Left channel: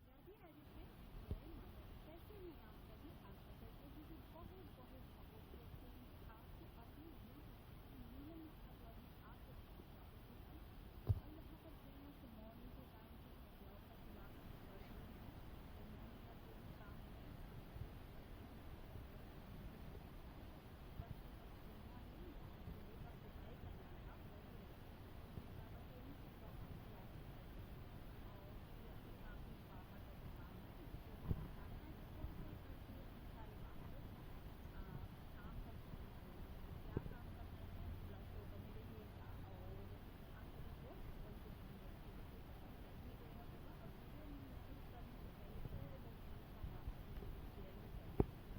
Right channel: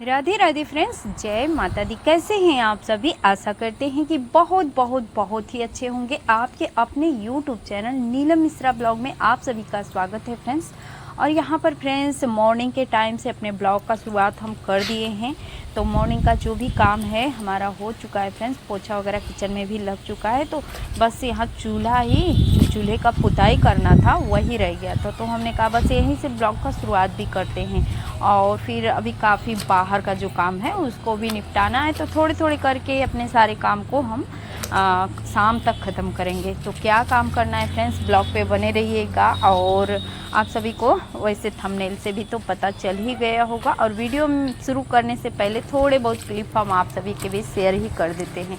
Radhe Radhe friends, जय माता दी। कैसे हैं आप सभी? आशा करते हैं कि बहुत बहुत बहुत ही अच्छे होंगे। आपके अपने YouTube channel Neelam Mishra blog में आप सभी का स्वागत है फ्रेंड्स। और यहाँ पर फ्रेंड्स मॉर्निंग के टाइम से अपने ब्लॉग का शुरुआत हम कर दिए हैं। तो मॉर्निंग का जो भी काम है हमारा हो चुका है फ्रेंड्स। पोछा वगैरह किचन में भी लग चुका है। तो बस यहाँ चूल्हे का पुताई करना था, वही रह गया था। तो हमने कहा बस यहीं से ब्लॉग का शुरुआत भी करते हैं। और फिर अभी काफ़ी बाहर का जो काम है उसको भी निपटाना है। तो थोड़े थोड़े करके अपने सारे काम को हम शाम तक ख़त्म करेंगे। तो क्या काम करना है फ्रेंड्स, ब्लॉग पे बने रहिएगा। और आप सभी को वैसे थंबनेल से भी तो पता चल ही गया होगा। और वीडियो शुरू करने से पहले थोड़े बहुत क्लिप हम आप सभी के बीच शेयर ही कर देते हैं।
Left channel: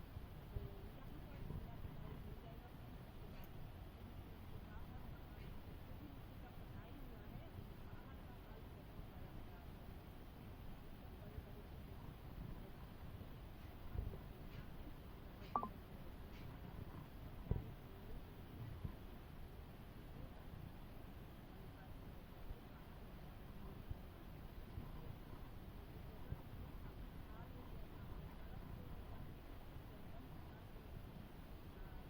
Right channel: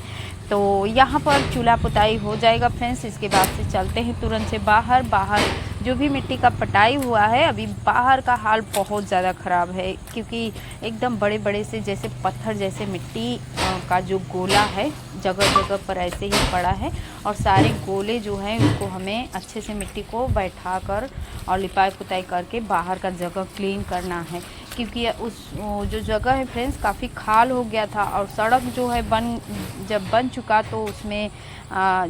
तो यहाँ पर चूल्हा पुताई हो जाएगा फ्रेंड्स। इसके बाद से चलते हैं तुरंत से बाहर। जो भी मिट्टी का पटाई हुआ है, अभी बाहर का हाल बहुत ज़्यादा ख़राब है, क्योंकि एकदम बड़े बड़े से जैसे पत्थर जैसे मिट्टी का जो गोला है जगह जगह पर ऐसे ही पड़ा है। और सारे गोले जो हैं उसको हमें अच्छे से मिट्टी को बैठा कर और लिपाई पुताई करके बाहर का जगह क्लीन करना है। क्योंकि जो जगह है फ्रेंड्स काफ़ी खाल हो गया था। और सड़क जो है जब बन चुका तो उसमें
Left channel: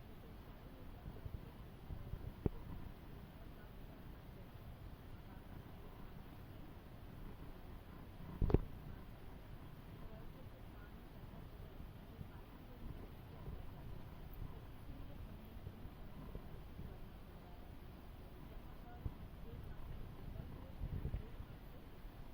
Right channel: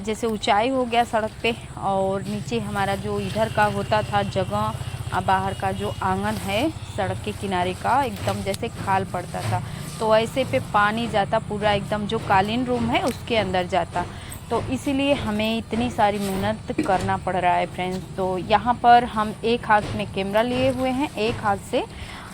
जैसे ऊंचाई हो गया सड़क पे। और नीचे हमारा जो इधर का होता था जगह, बाहर का जो आंगन है सड़क के किनारे का, एकदम जैसे खाल पड़ता था। तो ऐसे पे पानी जाता पूरा, एकदम जो कालीन रूम है उसके अंदर जाता। तो इसीलिए हमें इतनी सारी मेहनत करना पड़ रहा है फ्रेंड्स। तो यहाँ पर हम एक हाथ में कैमरा लिए हुए हैं, एक हाथ से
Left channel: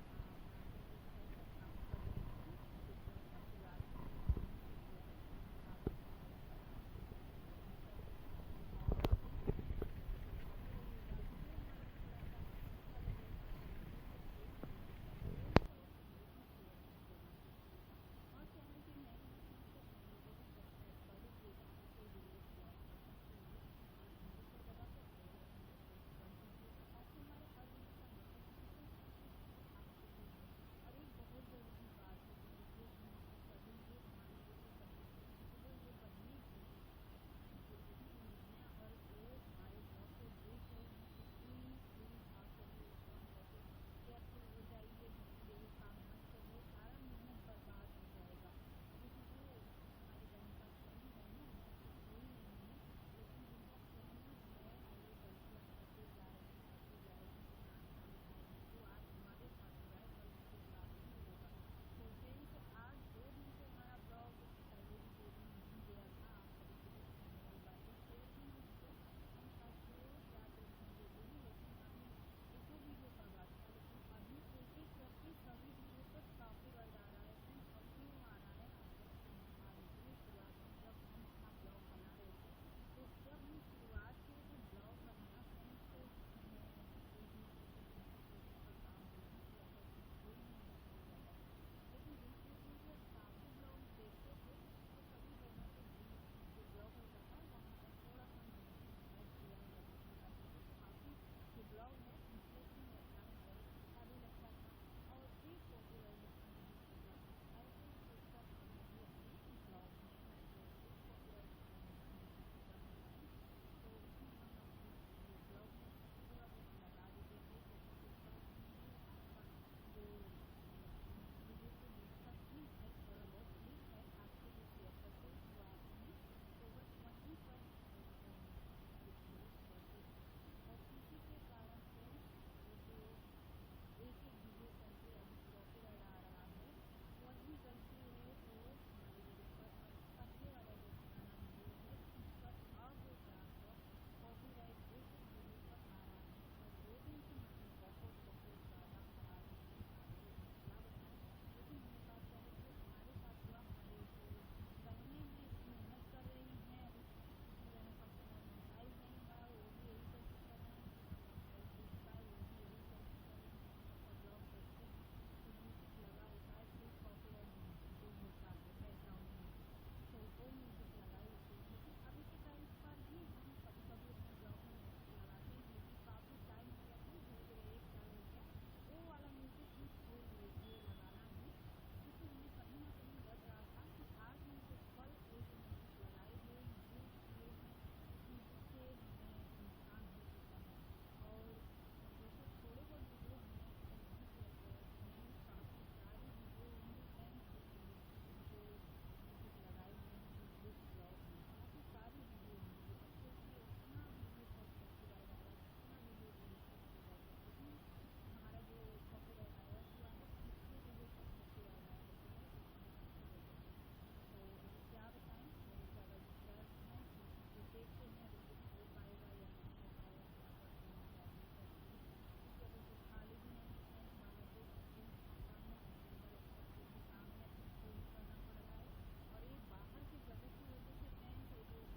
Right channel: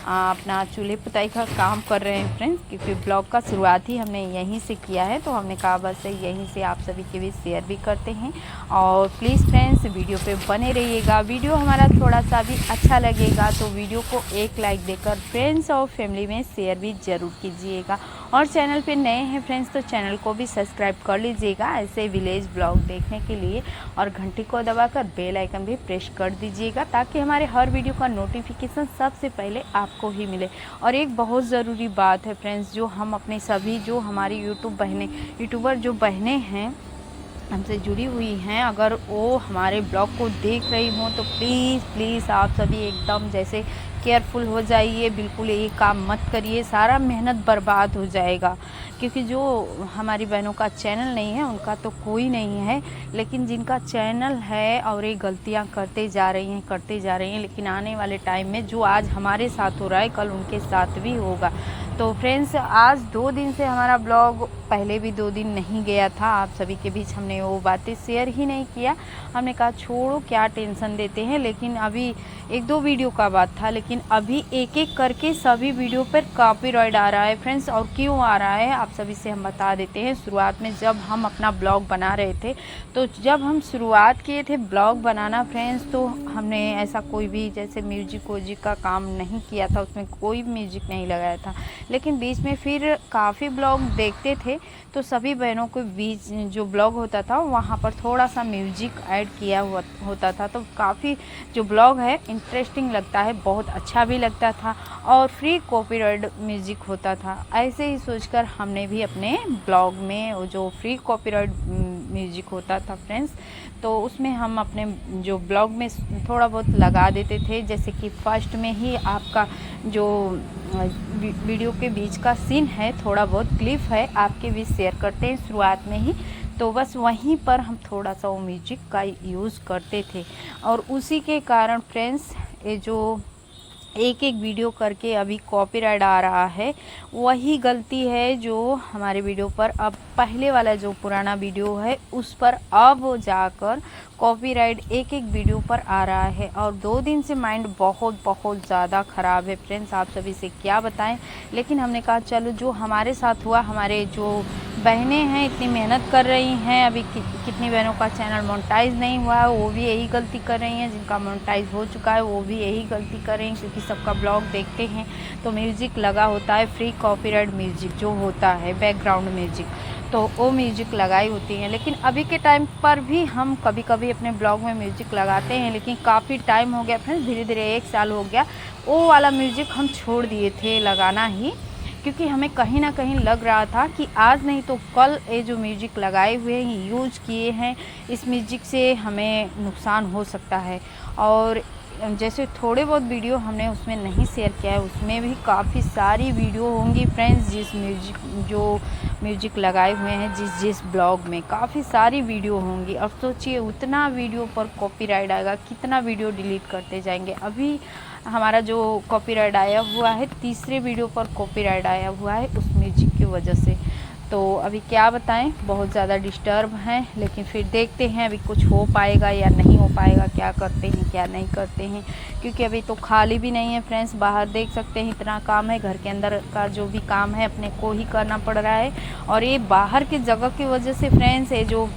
अपना चूल्हे पुताई का काम कर रहे हैं फ्रेंड्स। क्योंकि ब्लॉग का शुरुआत ही हमने यहीं से किया है। तो हमने कहा बस यहीं से आप सभी के बीच शेयर भी करते हैं। और प्लीज़ फ्रेंड्स वीडियो पे बने रहिएगा। वीडियो हमारा थोड़ा सा भी अच्छा लगेगा तो वीडियो को एक लाइक देकर फ्रेंड्स और फैमिली में शेयर भी ज़रूर कीजिएगा। और चैनल पे नए हैं फ्रेंड्स तो चैनल को भी सब्सक्राइब कर लीजिएगा ऐसे विलेज ब्लॉग देखने के लिए। और घंटी को दबाकर बेल आइकन भी प्रेस कर दीजिएगा, ताकि हमारे हर वीडियो का नोटिफिकेशन सबसे पहले आपको ही मिले। और एक बहुत ज़रूरी बात है फ्रेंड्स, जो हम अपने सभी जो हमारी यूट्यूबर जो बहनें हैं हमसे जुड़ी हुई हैं, अगर वो हमारे ब्लॉग को देख रही हों तो प्लीज़ प्लीज़ आप सभी एकदम जैसे केयरफुल हो जाइए। बिल्कुल ये काम मत करिए, सारा मेहनत बर्बाद हो जाएगा। क्योंकि जो हमारी बहनों का चैनल नहीं है उनका तो कोई नहीं है, लेकिन जिनका चैनल है और ये गलतियां करते जा रही हैं, लेकिन आने वाले टाइम में जो आज हमारे साथ हो रहा है कल उनके साथ भी होगा। तो फ्रेंड्स आज 2 दिन से हमारा ब्लॉग, पहले भी 2 दिन नहीं गया था, आप सभी के बीच हमने वो बातें शेयर ही नहीं किया। हमने कहा छोड़ो क्या टेंशन देते हैं। लेकिन अभी 1-2 वीडियो का बात था, लेकिन अभी एक एक करके सभी वीडियो पर कॉपीराइट आ रहा है फ्रेंड्स। और क्यों आ रहा है आप सभी से हम बता देते हैं। शुरुआत में जब हम अपना ब्लॉग बना रहे थे, तो जब हम शुरुआत किए थे ब्लॉग बनाना फ्रेंड्स, तो हमने ऐसा कोई भी जैसे म्यूजिक वूजिक का काम नहीं किया था, उसमें कोई म्यूजिक नहीं लगाया था। लेकिन बीच में फिर काफ़ी ब्लॉग देखते थे तो सभी बहनों के बीच जो ब्लॉग होता था वहाँ पर थोड़ा सा म्यूजिक ऐड किया हुआ होता था। तो काफ़ी जो ब्लॉग है इंटरेस्टिंग लगता है, बहुत अच्छा भी लगता था। और फ्री कॉपीराइट म्यूजिक होता था। ऐसे ही सोचकर हमने भी अपने ब्लॉग में वो जो फ्री कॉपीराइट म्यूजिक होता था फ्रेंड्स, तो उसमें हम अपने जो ब्लॉग में थोड़ा बहुत लगा देते थे। जैसे कि फर्स्ट में ही आपका जो वीडियो के बीच का सीन है, थोड़ा बहुत क्लिप है, आपके बीच शेयर करते हैं शुरुआत में ही। तो बस वहीं पर हम थोड़ा सा वो म्यूजिक का यूज़ करते थे। और उसी के कारण फ्रेंड्स ये जो एक एक वीडियो करके अभी कॉपीराइट आ रहा है, वही गलती है जो हमारे वीडियो पर अब पहले वाला जो पुराना वीडियो है उस पर अब जाकर कॉपीराइट एक एक वीडियो पर आ रहा है। और 2 दिन से माइंड बहुत बहुत ज़्यादा ख़राब है फ्रेंड्स, आप सभी से क्या बताएं। लेकिन हमने कहा चलो जो हमारे साथ हुआ, हमारे जो बहनें हैं इतनी मेहनत कर रही हैं, अभी कितनी बहनों का चैनल मोनेटाइज नहीं हुआ है वो भी यही गलती कर रही हैं, जिनका मोनेटाइज हो चुका है वो भी यही गलती कर रही हैं। क्योंकि सबका ब्लॉग देखते हैं तो म्यूज़िक लगा होता है, फ्री कॉपीराइट म्यूज़िक जो होता है बैकग्राउंड म्यूज़िक, तो वो म्यूजिक लगाई होती हैं। लेकिन अभी के टाइम पर भी हम कभी कभी अपने ब्लॉग में म्यूजिक लगाते हैं, लेकिन काफ़ी टाइम हो गया फ्रेंड्स, धीरे धीरे 1 साल हो गया वो वाला म्यूजिक हम छोड़ दिए थे लगाना ही। क्योंकि हमें कहीं ना कहीं लग रहा था कि आज नहीं तो कल ये जो म्यूजिक लगाए हुए हैं यूज किए हैं, इस म्यूजिक से हमें नुकसान हो सकता है। और जैसे थोड़े बहुत वीडियो हमने उसमें नहीं शेयर किया है, उसमें भी काफ़ी सारी वीडियो होंगी फ्रेंड्स, जो म्यूजिक लगाए हुए हैं जिस ब्लॉग में काफ़ी सारी वीडियो होंगी। अब सोचिए उतना वीडियो पर कॉपीराइट आएगा, कितना वीडियो डिलीट करते जाएंगे। अभी हमारा जो कॉपीराइट आया हुआ है, तीसरे वीडियो पर कॉपीराइट आया हुआ है उस म्यूजिक की वजह से। तो अभी क्या बताएं, बहुत ज़्यादा डिस्टर्ब हैं, लेकिन फिर देखते हैं अभी कुछ हो पाएगा या नहीं हो पाएगा, क्या करते हैं क्या नहीं करते हैं, क्योंकि अभी तो खाली भी नहीं है फ्रेंड्स। बाहर देख सकते हैं इतना काम है, घर के अंदर का जो भी काम है अपने को ही करना पड़ रहा है। और ये बाहर की जगह की वजह से फ्रेंड्स, ये जो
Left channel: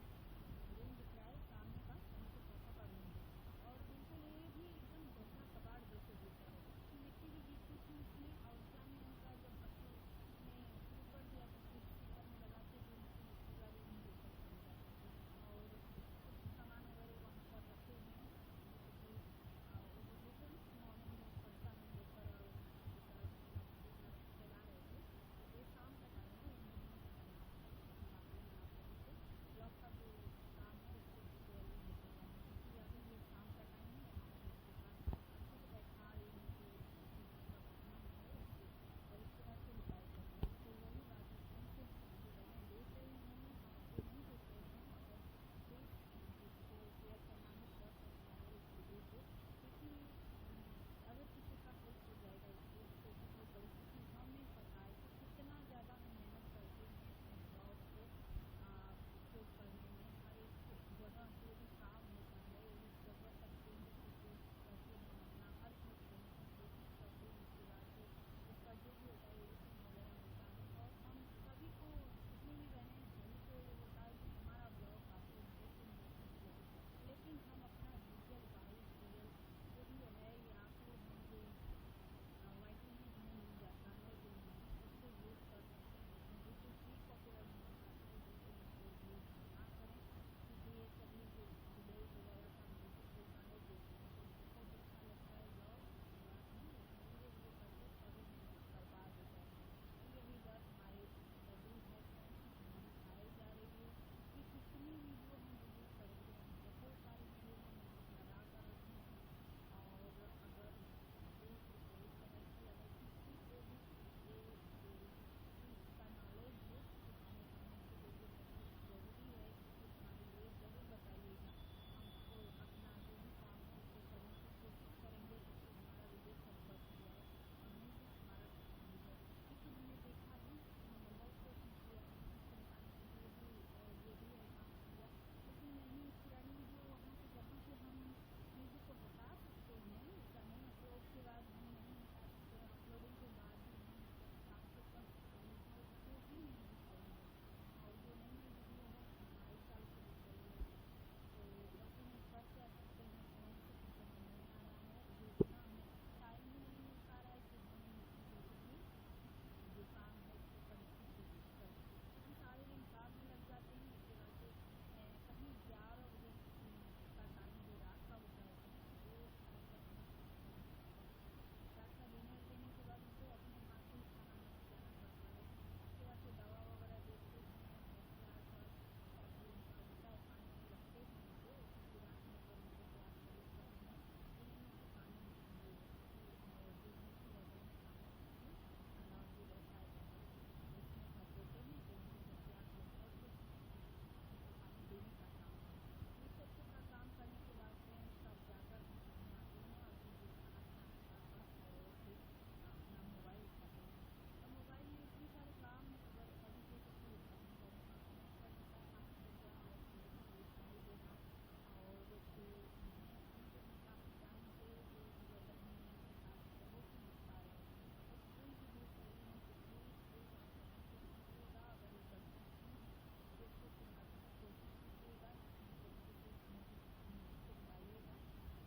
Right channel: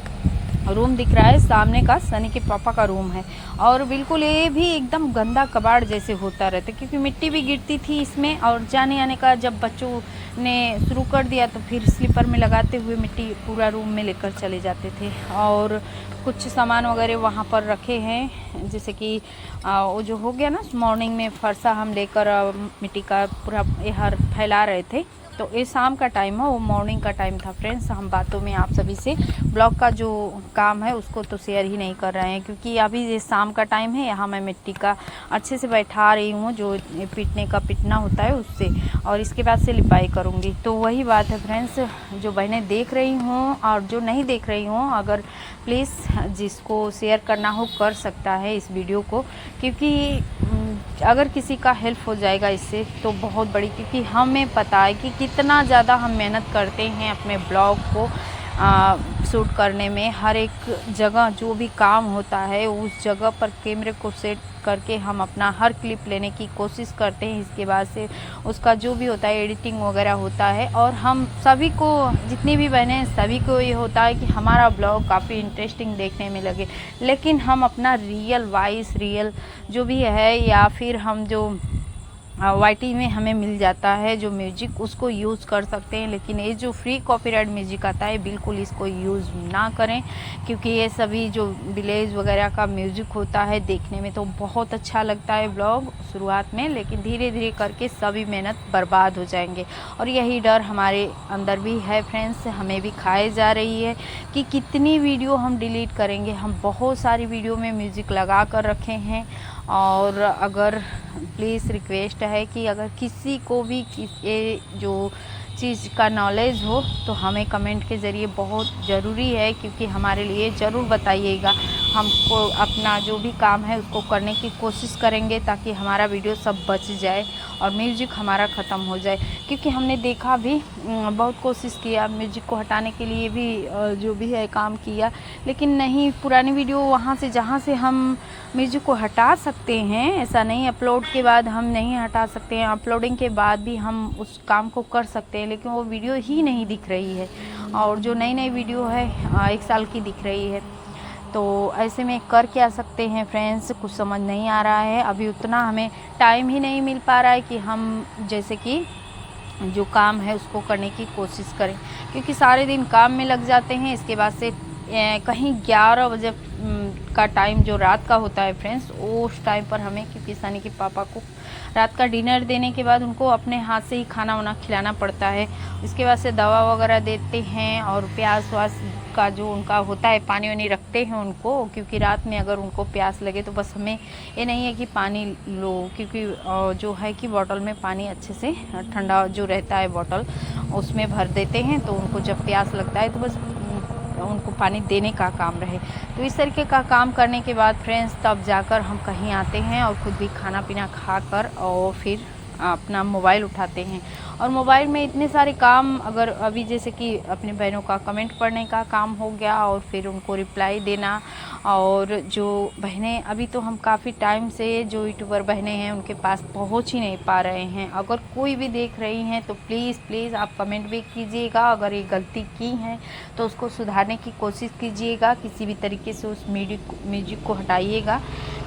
रूम दिख रहा है सामने का सनी के पापा का रूम है, और बिल्कुल ये भी एकदम गंदा कबाड़ जैसे होता रहता है, क्योंकि मिट्टी भी गिरती थी इसमें। और जाने आने का जब बच्चों ने शुरू कर दिया तो फिर स्लीपर में लगाते हुए मिट्टी पूरा रूम में लेकर चले जाते थे। और कुछ सामान वगैरह वहाँ पर रखे हैं, जैसे कि वो जो हो गया ना, मॉर्निंग में फरसा हम लेकर मिट्टी का पूरा हर फैला रहे थे। तो ये शाम का टाइम है, वो मॉर्निंग का टाइम था फ्रेंड्स। हम बातों में आप सभी से ब्लॉग का जो काम है उसको तो शेयर ही नहीं कर रहे हैं, क्योंकि अभी ये शाम का टाइम है। यहाँ मैं मिट्टी का अच्छे से बैठा रही हूँ, जो पीटने का पिटना होता है उससे, और इसके बाद से लिपाई करूँगी। तो वही बात है फ्रेंड्स, जो बहनें देख रही हों और जो नहीं देख रही हों, अगर प्लीज़ जिसको शेयर करना हो कर सकता है इस वीडियो को, क्योंकि अगर किसी का हेल्प हो जाएगा इससे तो बहुत बड़ी, क्योंकि हमें पता है कि कितना ज़्यादा हम मेहनत करते हैं अपने ब्लॉग को शूट करने में। हर एक जगह जो भी काम होता है उस जगह पर कैमरे को सेट करके हम अपना हर क्लिप लेने की कोशिश करते हैं। इसके बाद से उसका जो भी होता है एडिटिंग वगैरह होता है, और हम सभी को, जितनी भी बहनें हैं सभी को ये होता है कि हमारा ब्लॉग काफ़ी इंटरेस्टिंग देखने में लगे। लेकिन हम अपना रियल वॉइस, रियल जो भी है, या फिर हम जो वाईटी में हमें मिल जाता है जो म्यूजिक, उसको यूज़ कर सकते हैं। लेकिन ये जो फ्री कॉपीराइट म्यूजिक आता है बिल्कुल इसको यूज़ ना करें, क्योंकि ये सभी जो विलेज वगैरह का म्यूजिक होता है देखने में तो बहुत अच्छा लगता है ब्लॉग शुरुआत में, लेकिन धीरे धीरे करके सभी मेहनत बर्बाद हो जाएंगे। और यही डर हमारे अंदर भी है फ्रेंड्स, हमें भी खाए जा रही है कि कितनी वीडियो हम डिलीट करेंगे। हम बहुत सारी वीडियो में म्यूज़िक लगा कर रखे हैं, और अगर प्लीज़ रिक्वेस्ट है कि अगर किसी को भी ये जो चीज़ का नॉलेज हो तो हमें कमेंट के ज़रिए बहुत ज़रूरी है, क्योंकि हमारे लिए ज़रूर बताइएगा। हमको अपना जो भी काम है उसको करने की कोशिश करेंगे ताकि हमारा वीडियो सब बच जाए और म्यूजिक हमारा ख़त्म हो जाए। क्योंकि हमने देखा भी, बहुत कोशिश किया म्यूजिक को हटाने के लिए भी, जो भी है काम किया, लेकिन नहीं, पुरानी वीडियो वहाँ से जहाँ से हम म्यूजिक को हटा सकते हैं, ऐसा नहीं अपलोड के बाद हम नहीं हटा सकते हैं, अपलोडिंग के बाद भी हम उस काम को कर सकते हैं, लेकिन वो वीडियो ही नहीं दिख रही है। और जो नई नई वीडियो है 1 साल की दिख रही है। तो ऐसे में कर क्या सकते हैं फ्रेंड्स, कुछ समझ नहीं आ रहा है। अभी उतना हमें टाइम ही नहीं मिल पा रहा है कि हम जैसे कि जो काम है उसको करने की कोशिश करें, क्योंकि सारे दिन काम में लग जाते हैं। इसके बाद से कहीं 11 बजे का टाइम जो रात का होता है फ्रेंड्स, उस टाइम पर हमें, क्योंकि सनी के पापा को रात का डिनर देने के बाद उनको अपने हाथ से ही खाना वाना खिलाना पड़ता है। इसके बाद से दवा वगैरह देते हैं, और प्यास व्यास का जो उनका होता है, पानी वानी रखते हैं उनको, क्योंकि रात में अगर उनको प्यास लगे तो बस हमें ये नहीं है कि पानी लो, क्योंकि जो है कि बॉटल में पानी अच्छे से ठंडा जो रहता है बॉटल उसमें भर देते हैं, तो उनको जब प्यास लगता है तो बस उनको पानी देने का काम रहे। तो इस तरीके का काम करने के बाद फ्रेंड्स तब जाकर हम कहीं आते हैं और खुद भी खाना पीना खाकर और फिर अपना मोबाइल उठाते हैं। और मोबाइल में इतने सारे काम, अगर अभी जैसे कि अपने बहनों का कमेंट पढ़ने का काम हो गया और फिर उनको रिप्लाई देना, और जो बहनें अभी तो हम काफ़ी टाइम से जो यूट्यूबर बहनें हैं उनके पास पहुंच ही नहीं पा रहे हैं। अगर कोई भी देख रही हैं तो प्लीज़ आप कमेंट भी कीजिएगा, अगर ये गलती की हैं तो उसको सुधारने की कोशिश कीजिएगा, किसी भी तरीके से उस म्यूजिक को हटाइएगा,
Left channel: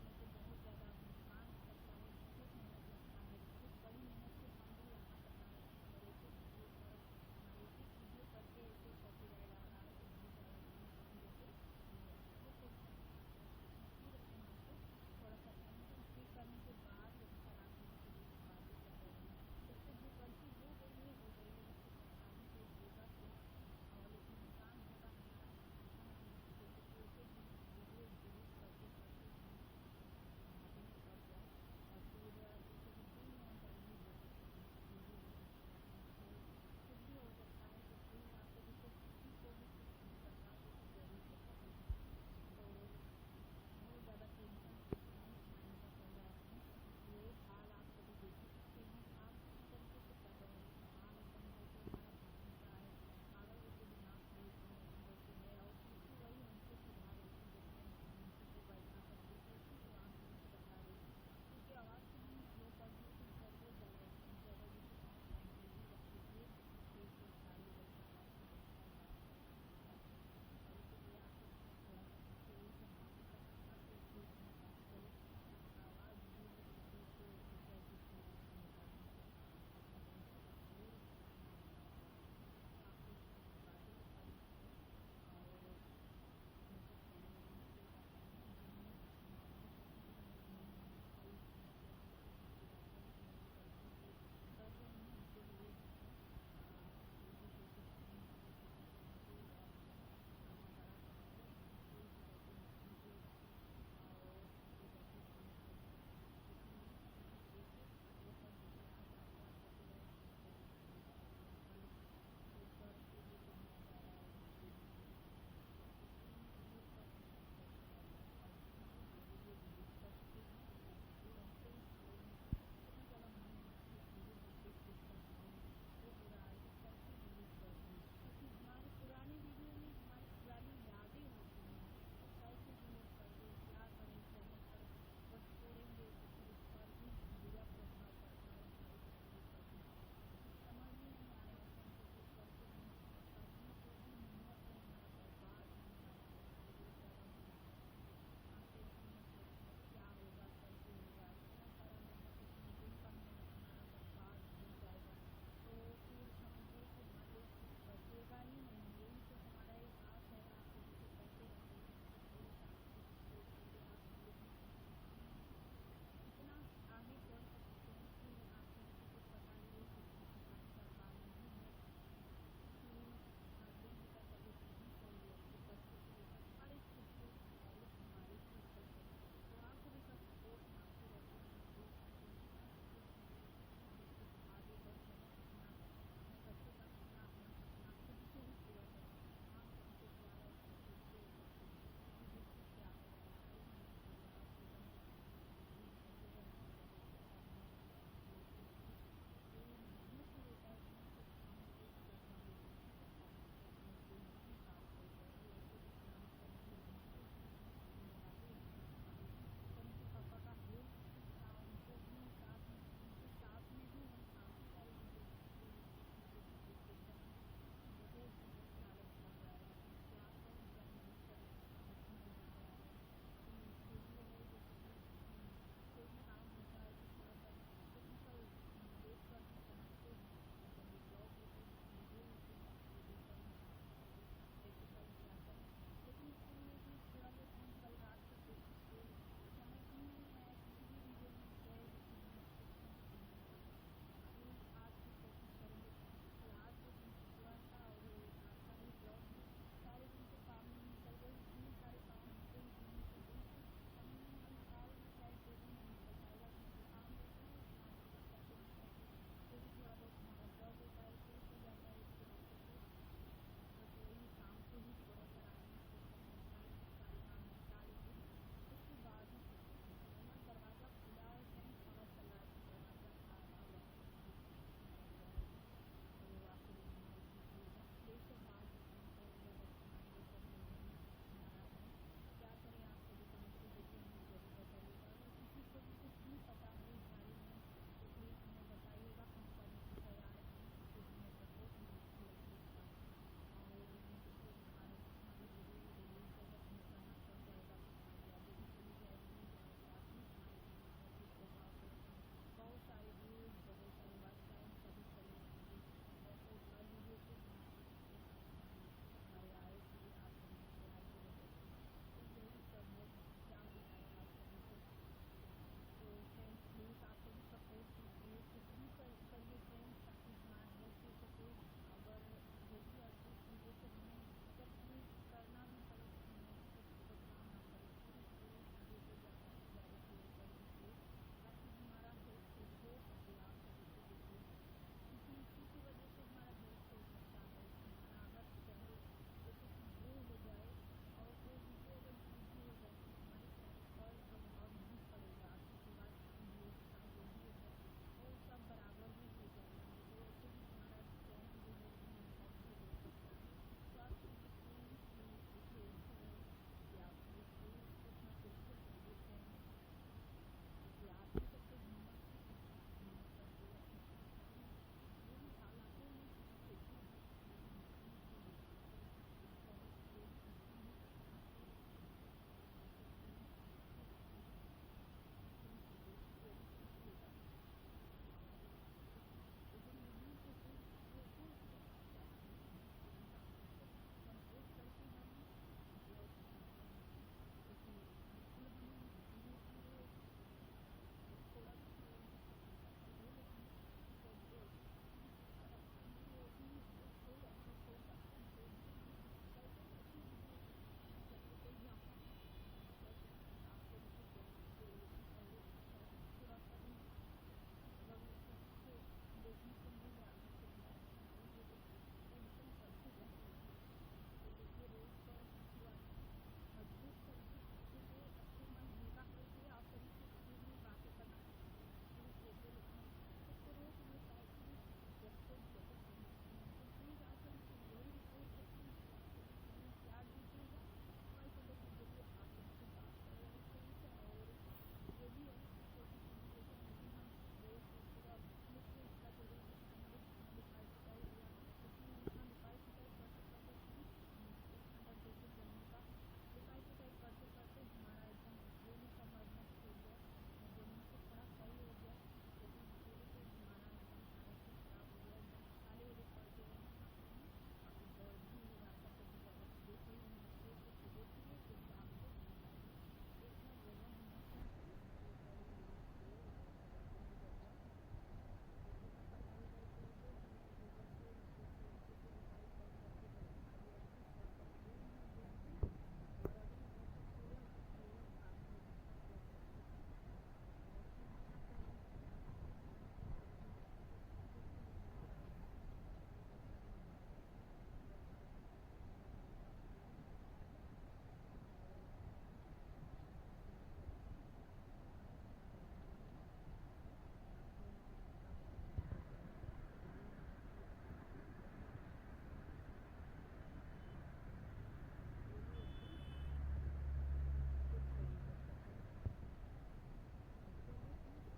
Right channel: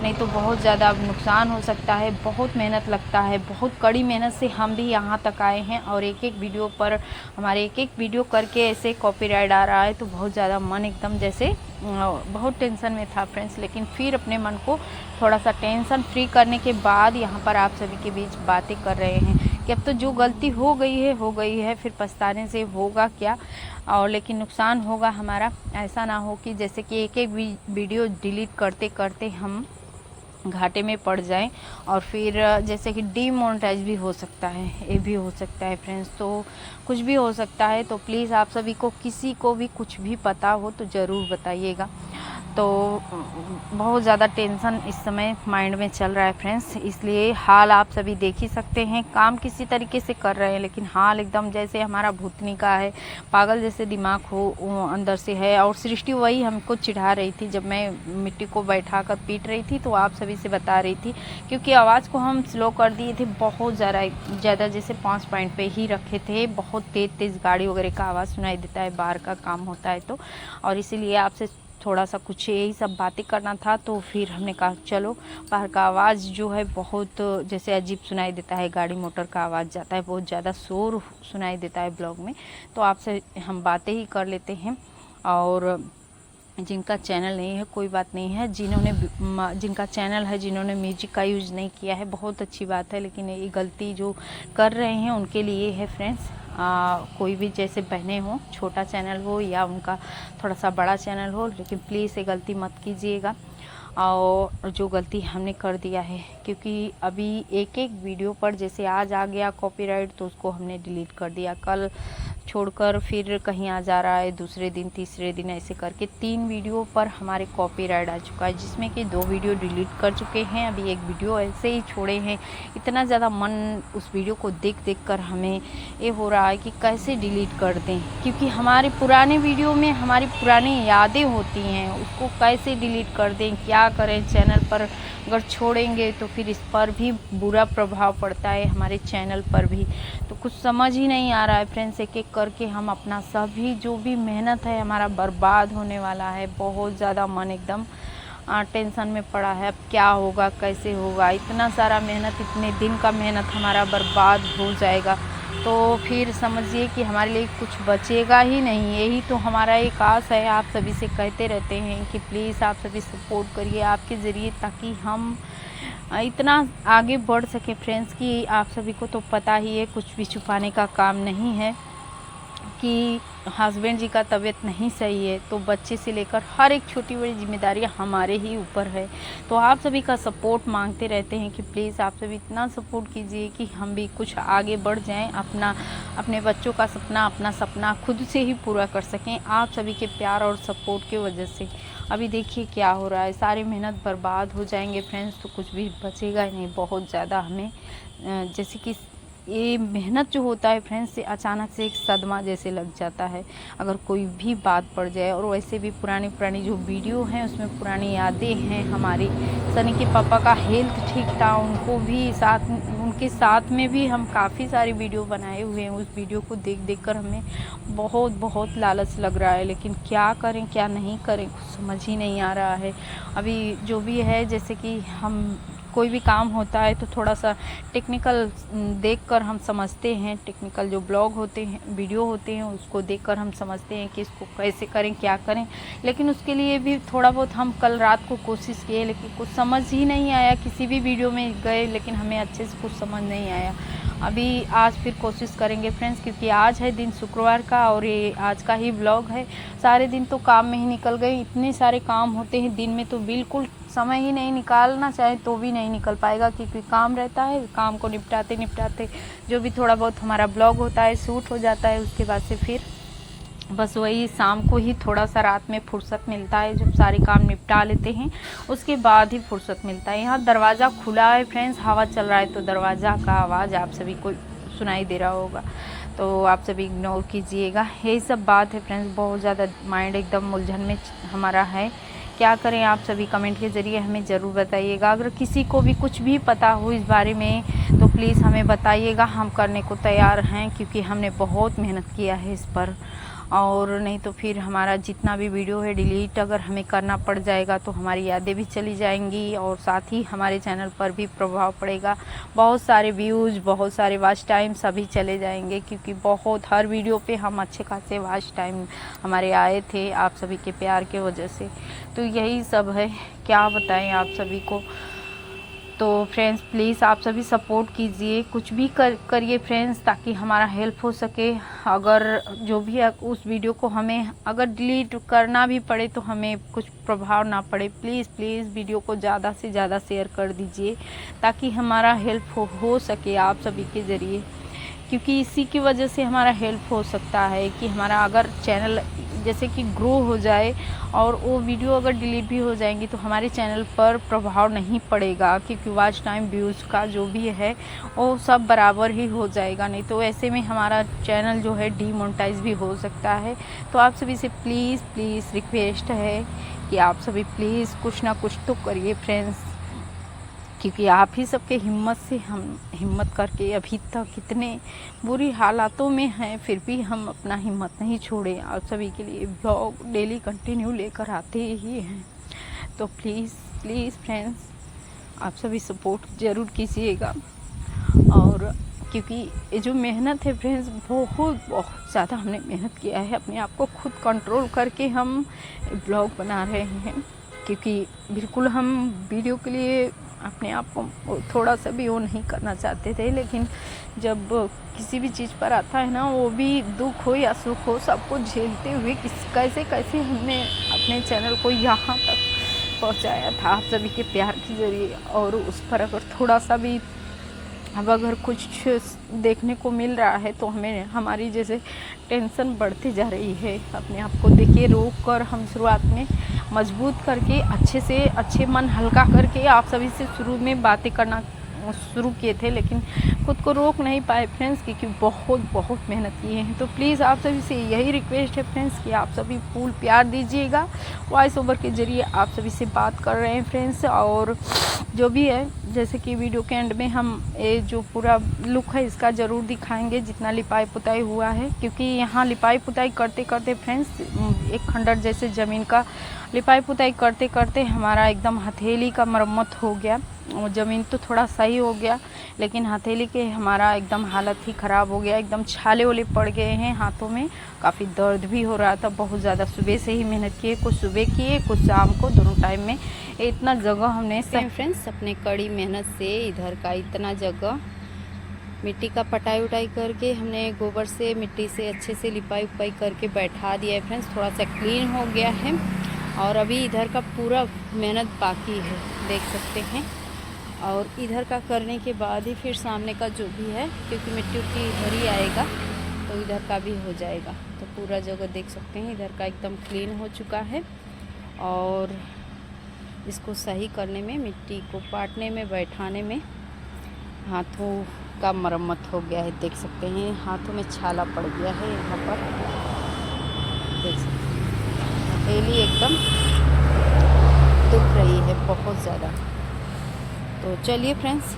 नहीं तो बहुत ज़्यादा नुकसान हो सकता है। बहुत मेहनत लगता है, बहुत कड़ी मेहनत से हम भी यहाँ तक आए हैं, और एक एक वीडियो पर हमारे एक वीडियो करके ऐसे कॉपीराइट आ रहा है तो बहुत ज़्यादा मन एकदम जैसे बहुत टेंशन में था फ्रेंड्स। लेकिन फिर अपने मन को थोड़ा सा टेंशन फ्री करने के बाद यहाँ पर आप सभी के बीच बातें कर रहे हैं कि अब तो जो गलती हो गई है, फिर पछताने से होगा क्या, और लेकिन नुकसान होगा हमारा। ऐसा ना हो कि जैसे कि एक वीडियो डिलीट करते करते हम घाटे में पड़ जाएं और फिर जैसे कि डीमोनेटाइज भी हो सकता है, ये भी हो सकता है फ्रेंड्स। तो कुछ भी हो सकता है, तो प्लीज़ आप सभी को किसी को भी कुछ भी पता हो तो ज़रूर बताइएगा। तो बहुत ज़्यादा टेंशन इस समय माइंड में चल रहा है फ्रेंड्स, इसलिए हाल आप सभी देख ही सकते हैं। काम किसी तरीके से कर रहे हैं लेकिन हाल एकदम जैसे हमारा भूतनी का है, पागल जैसे दिमाग हो अंदर से है। और सृष्टि वही हमको चिढ़ा रही थी जब मैं मिट्टी को बैठा कर पीट रही थी, तो आप सभी से बता रही थी क्योंकि आवाज़ को हम स्लो कर दिए थे बहुत ज़्यादा, जैसे 5 पॉइंट पे ही रखे थे। बहुत तेज़ गाड़ी वगैरह का आवाज़ सुनाई देता है, बाहर का काम होता है तो, और इसीलिए आपसे थोड़ा सा कुछ यही सब बातें करना था। तो फिर हमने कहा चलो, बाहर का आवाज़ जो है बहुत जैसे अजीब सुनाई देता है, गाड़ी मोटर का आवाज़ जाता है, बहुत ज़्यादा शोर सुनाई देता है ब्लॉग में, तो आपसे हम बातें ही कर लेते हैं। और जिनका चैनल नहीं है कोई बात नहीं है, जिनका चैनल है, जिन्होंने म्यूजिक का यूज़ नहीं किया है बहुत अच्छी बात है, लेकिन ये गलती जो कर रहे हैं उनके लिए है फ्रेंड्स। कोई भी जैसे बहनें हों, छोटा चैनल हो या उनका थोड़ा सा बड़ा चैनल हो, लेकिन प्लीज़ ये गलती मत कीजिएगा। और जो गलती हमने कर दिया है, क्योंकि अभी एक वीडियो पर जैसे आज आ गया कॉपीराइट तो उसको हमने डिलीट कर दिया, कल छोड़कर फिर कहीं आ जा रहा है, दूसरे दिन तीसरे दिन, ऐसे करके 3 वीडियो पर हमारे कॉपीराइट आ चुका है, जिसमें कि 2 वीडियो डिलीट कर चुके हैं, अभी 1 वीडियो ऐसे ही छोड़े हैं। इतना ज़्यादा मन उस वीडियो को देख कर हमें ये हो रहा है कि कैसे डिलीट कर दें, क्योंकि हमारे पुराने वीडियो में हमारी पुरानी यादें होती हैं, उसको कैसे डिलीट कर दें, क्या करें। चैनल पर अगर छोड़ेंगे तो फिर इस पर भी बुरा प्रभाव पड़ता है, हमारे चैनल पर भी। तो कुछ समझ ही नहीं आ रहा है फ्रेंड्स, एक एक करके हम अपना सभी जो भी मेहनत है हमारा बर्बाद होने वाला है। बहुत ज़्यादा मन एकदम टेंशन में पड़ा है, अब क्या होगा, कैसे होगा। इतना सारा मेहनत, इतने दिन का मेहनत हमारा बर्बाद हो जाएगा, तो फिर समझिए कि हमारे लिए कुछ बचेगा ही नहीं। यही तो हमारा एक आस है, आप सभी से कहते रहते हैं कि प्लीज़ आप सभी सपोर्ट करिए आपके ज़रिए, ताकि हम इतना आगे बढ़ सके फ्रेंड्स। कि आप सभी को तो पता ही है, कुछ भी छुपाने का काम नहीं है कि हस्बैंड जी का तबीयत नहीं सही है, तो बच्चे से लेकर हर एक छोटी बड़ी जिम्मेदारियां हमारे ही ऊपर है। तो आप सभी का सपोर्ट मांगते रहते हैं कि प्लीज़ आप सभी इतना सपोर्ट कीजिए कि हम भी कुछ आगे बढ़ जाएं, अपने बच्चों का सपना, अपना सपना खुद से ही पूरा कर सकें, आप सभी के प्यार और सपोर्ट की वजह से। अभी देखिए क्या हो रहा है, सारी मेहनत बर्बाद हो जाएंगे फ्रेंड्स, तो कुछ भी बचेगा ही नहीं। बहुत ज़्यादा हमें जैसे कि ये मेहनत जो होता है फ्रेंड्स, से अचानक से एक सदमा जैसे लग जाता है अगर कोई भी बात पड़ जाए। और वैसे भी पुरानी जो वीडियो हैं उसमें पुरानी यादें हैं हमारी। सनी के पापा का हेल्थ ठीक था, उनको भी उनके साथ में भी हम काफ़ी सारी वीडियो बनाए हुए हैं। उस वीडियो को देख कर हमें बहुत लालच लग रहा है, लेकिन क्या करें क्या नहीं करें कुछ समझ ही नहीं आ रहा है। अभी जो भी है, जैसे कि हम कोई भी काम होता है तो थोड़ा सा टेक्निकल देखकर हम समझते हैं, टेक्निकल जो ब्लॉग होते हैं, वीडियो होते हैं, उसको देखकर हम समझते हैं कि इसको कैसे करें क्या करें। लेकिन उसके लिए भी थोड़ा बहुत हम कल रात को कोशिश किए, लेकिन कुछ समझ ही नहीं आया। किसी भी वीडियो में गए लेकिन हमें अच्छे से कुछ समझ नहीं आया। अभी आज फिर कोशिश करेंगे फ्रेंड्स, क्योंकि आज है दिन शुक्रवार का और ये आज का ही ब्लॉग है। सारे दिन तो काम में ही निकल गए, इतने सारे काम होते हैं दिन में, तो बिल्कुल समय ही नहीं, निकालना चाहे तो भी नहीं निकल पाएगा, क्योंकि काम रहता है। काम को निपटाते जो भी थोड़ा बहुत हमारा ब्लॉग होता है शूट हो जाता है, उसके बाद से फिर बस वही शाम को ही थोड़ा सा रात में फुर्सत मिलता है, जब सारे काम निपटा लेते हैं उसके बाद ही फुर्सत मिलता है। यहाँ दरवाज़ा खुला है फ्रेंड्स, हवा चल रहा है तो दरवाज़ा का आवाज़ आप सभी को सुनाई दे रहा होगा, तो आप सभी इग्नोर कीजिएगा। यही सब बात है फ्रेंड्स, बहुत ज़्यादा माइंड एकदम उलझन में हमारा है। क्या करें आप सभी कमेंट के ज़रिए हमें ज़रूर बताइएगा। अगर किसी को भी कुछ भी पता हो इस बारे में तो प्लीज़ हमें बताइएगा, हम करने को तैयार हैं, क्योंकि हमने बहुत मेहनत किया है इस पर। और नहीं तो फिर हमारा जितना भी वीडियो है डिलीट अगर हमें करना पड़ जाएगा तो हमारी यादें भी चली जाएंगी, और साथ ही हमारे चैनल पर भी प्रभाव पड़ेगा। बहुत सारे व्यूज़, बहुत सारे वॉच टाइम सभी चले जाएंगे, क्योंकि बहुत हर वीडियो पे हम अच्छे खासे वॉच टाइम हमारे आए थे आप सभी के प्यार के वजह से। तो यही सब है, क्या बताएं आप सभी को। तो फ्रेंड्स प्लीज़ आप सभी सपोर्ट कीजिए, कुछ भी करिए फ्रेंड्स, ताकि हमारा हेल्प हो सके। अगर जो भी उस वीडियो को हमें अगर डिलीट करना भी पड़े तो हमें कुछ प्रभाव ना पड़े। प्लीज़ प्लीज़ वीडियो को ज़्यादा से ज़्यादा शेयर कर दीजिए, ताकि हमारा हेल्प हो सके आप सभी के ज़रिए, क्योंकि इसी की वजह से हमारा हेल्प हो सकता है कि हमारा अगर चैनल जैसे कि ग्रो हो जाए और वो वीडियो अगर डिलीट भी हो जाएंगी तो हमारे चैनल पर प्रभाव नहीं पड़ेगा, क्योंकि वॉच टाइम व्यूज़ का जो भी है वो सब बराबर ही हो जाएगा। नहीं तो ऐसे में हमारा चैनल जो है डीमोनेटाइज भी हो सकता है। तो आप सभी से प्लीज़ प्लीज़ रिक्वेस्ट है कि आप सभी प्लीज़ कुछ ना कुछ तो करिए फ्रेंड्स, क्योंकि आप ही सबके हिम्मत से हम हिम्मत करके अभी तक इतने बुरी हालातों में हैं, फिर भी हम अपना हिम्मत नहीं छोड़े। आप सभी के लिए ब्लॉग डेली कंटिन्यू लेकर आते ही हैं। तो प्लीज़ प्लीज़ फ्रेंड्स आप सभी सपोर्ट ज़रूर कीजिएगा। और क्योंकि ये जो मेहनत है फ्रेंड्स, बहुत बहुत ज़्यादा हमने मेहनत किया है, अपने आप को खुद कंट्रोल करके हम ब्लॉग बना रहे हैं, क्योंकि बिल्कुल हम वीडियो के लिए अपने आप को थोड़ा सा भी वो नहीं करना चाहते थे। लेकिन जब किसी भी चीज़ पर आता है ना, वो भी दुख हो या सुख हो, सबको झेलते हुए कैसे कैसे हमने अपने चैनल को यहाँ तक पहुँचाया था आप सभी के प्यार के ज़रिए। और उस पर अगर थोड़ा सा भी अब अगर कुछ देखने को मिल रहा है तो हमें हमारी जैसे टेंशन बढ़ती जा रही है। अपने आप को देखिए रोक कर हम शुरुआत में मजबूत करके अच्छे मन हल्का करके आप सभी से शुरू में बातें करना शुरू किए थे, लेकिन खुद को रोक नहीं पाए फ्रेंड्स, क्योंकि बहुत मेहनत किए हैं। तो प्लीज़ आप सभी से यही रिक्वेस्ट है फ्रेंड्स कि आप सभी फुल प्यार दीजिएगा। वॉइस ओवर के ज़रिए आप सभी से बात कर रहे हैं फ्रेंड्स। और जो भी है, जैसे कि वीडियो के एंड में हम ये जो पूरा लुक है इसका ज़रूर दिखाएंगे, जितना लिपाई पुताई हुआ है, क्योंकि यहाँ लिपाई पुताई करते करते फ्रेंड्स एक खंडर जैसे ज़मीन का लिपाई पुताई करते करते हमारा एकदम हथेली का मरम्मत हो गया। ज़मीन तो थोड़ा सही हो गया, लेकिन हथेली के हमारा एकदम हालत ही ख़राब हो गया, एकदम छाले वाले पड़ गए हैं हाथों में, काफ़ी दर्द भी हो रहा था बहुत ज़्यादा। सुबह से ही मेहनत किए, कुछ सुबह किए कुछ शाम को, दोनों टाइम में इतना जगह हमने फ्रेंड्स अपने कड़ी मेहनत से इधर का इतना जगह मिट्टी का पटाई उटाई करके हमने गोबर से मिट्टी से अच्छे से लिपाई उपाई करके बैठा दिया है फ्रेंड्स। थोड़ा सा क्लीन हो गया है और अभी इधर का पूरा मेहनत बाकी है, देख सकते हैं। और इधर का करने के बाद ही फिर सामने का जो भी है, क्योंकि मिट्टी उट्टी इधर ही आएगा तो इधर का भी हो जाएगा। तो पूरा जगह देख सकते हैं इधर का एकदम क्लीन हो चुका है। और इसको सही करने में, मिट्टी को पाटने में, बैठाने में हाथों का मरम्मत हो गया है। देख सकते हैं हाथों में छाला पड़ गया है, यहाँ पर देख सकते हैं हथेली एकदम दुख रही है बहुत ज़्यादा। तो चलिए फ्रेंड्स,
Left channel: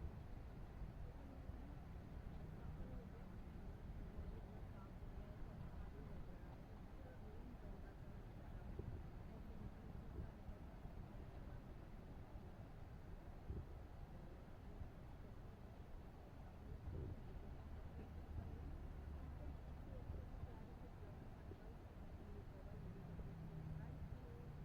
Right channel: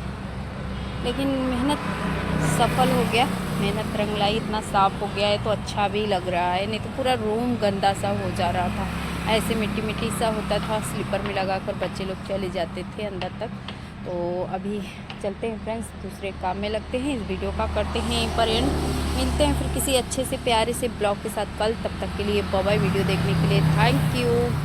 लेकिन मेहनत सफल हो गया, मेहनत रंग लाई, इतना साफ़ हो गया है तो अच्छा भी लग रहा है। नहीं तो पूरा रूम गंदा सा हो जा रहा था, ऐसे मिट्टी मिट्टी सा होता था, स्लीपर में लगाकर बच्चे लोग चले जाते थे अंदर तक। तो अभी चलते हैं फ्रेंड्स, दूसरे काम में लगते हैं। इस वीडियो का करते हैं यहीं पर एंड, मिलते हैं फिर किसी अच्छे से प्यारे से ब्लॉग के साथ कल। तब तक के लिए बाय बाय। वीडियो देखने के लिए थैंक यू।